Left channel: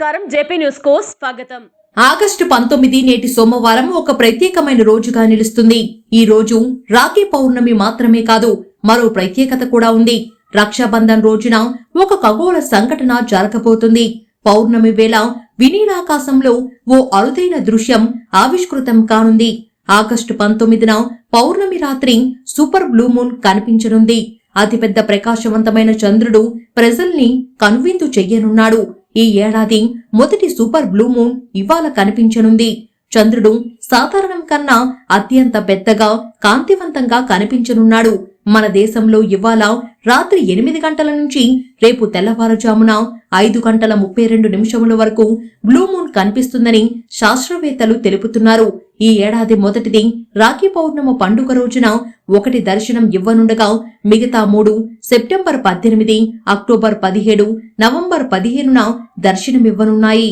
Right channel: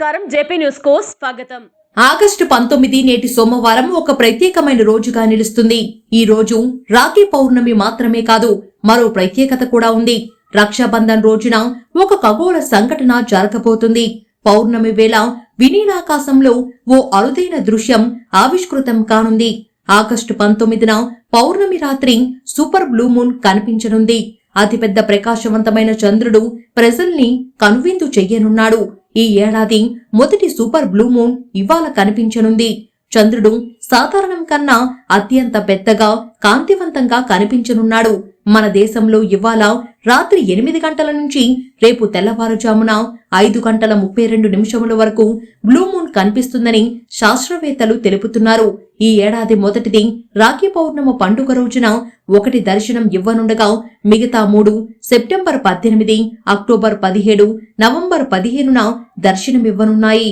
నమస్కారం. జేపీ న్యూస్కు స్వాగతం. ఆగస్టు పంతొమ్మిది నేటి సోమవారం ఒక ప్రత్యేకమైన రోజుగా నిలుస్తుంది. ఈ రోజు రాఖీ పౌర్ణమి మాత్రమే కాదు మరో ప్రత్యేకత కూడా ఉంది. రక్షాబంధన్ రోజున ఒక ఖగోళ సంఘటన జరగబోతుంది. పౌర్ణమి వేళ వినీలాకాశంలో ఓ అరుదైన దృశ్యం ఆవిష్కృతం కానుంది. ఆగస్టు పంతొమ్మిదిన పౌర్ణమి రాత్రి సూపర్ బ్లూ మూన్ కనిపించనుంది. అతిపెద్ద ప్రకాశవంతమైన చంద్రుడు ప్రజల్ని కనువిందు చెయ్యనున్నాడు. ఈ ఏడాది మొదటి సూపర్ బ్లూ మూన్ ఇవాళ కనిపించనుంది. చంద్రుడు సాధారణం కన్నా అత్యంత పెద్దగా కాంతివంతంగా కనిపించనున్నాడు. మన దేశంలో ఇవాళ రాత్రి ఎనిమిది గంటల నుంచి రేపు తెల్లవారుజామున ఐదు గంటల ముప్పై రెండు నిమిషముల వరకు బ్లూమూన్ కనిపిస్తుందని శాస్త్రవేత్తలు తెలుపుతున్నారు. ఈ ఏడాది మొదటిది రాఖీ పౌర్ణమ పండుగ రోజున ఒకటి దర్శనం ఇవ్వనుండగా మిగతా మూడు సెప్టెంబర్ పద్దెనిమిది అక్టోబర్ పదిహేడు నవంబర్ పదిహేనున దర్శనమివ్వనున్నాయి.